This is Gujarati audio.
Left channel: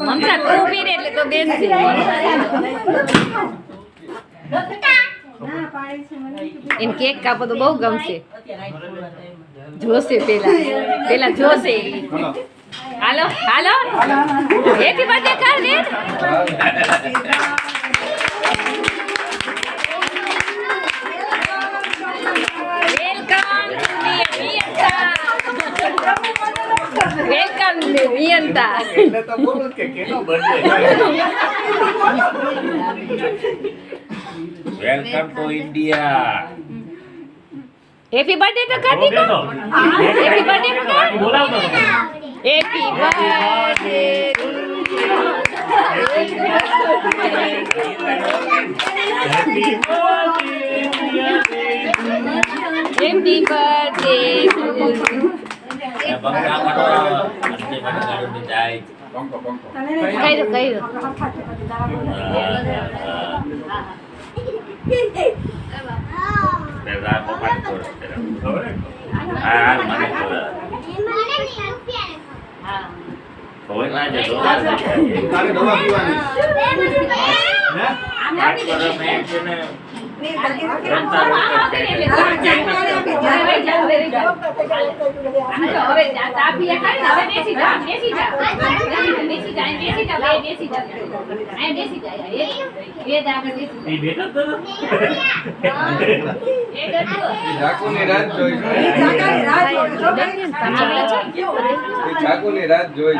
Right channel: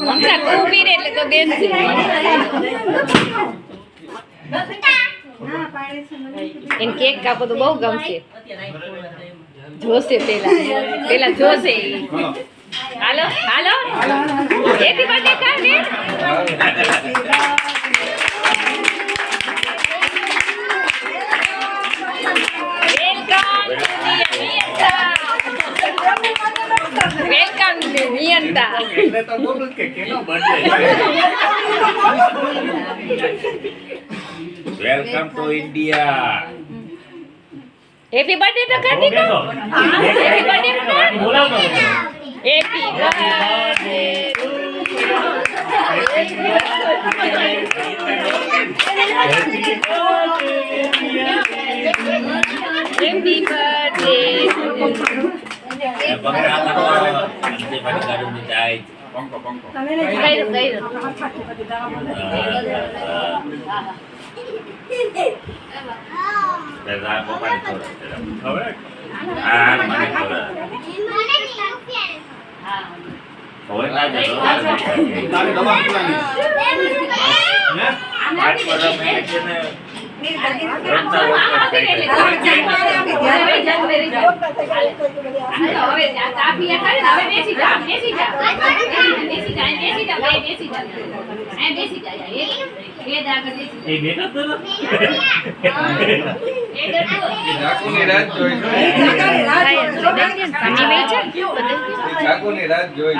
મમતા ઊભી રહે એટલે તો બેસશે. એમ કેક કાપો તો બહુ ગમશે. જોશે પેલા જોશે. હાલો હાલો હેપી બર્થડે કર દે. વેલકમ નિયંતા. એટલે તો બોલું કે કેનો birthday. Welcome to India. Happy birthday તો કર દીધો. હેપી બર્થડે બોલાવો. Happy birthday happy birthday. બંગડા કરો અંતે બંગાળો મિટાઈ પંકો પંકો કઈ દો તેરા મોબાઈલ કરો હવે આ મને કરો હવે ના જતો તારે દવા પીવાની હે આજ પર મેં છે ને રાત જોઈ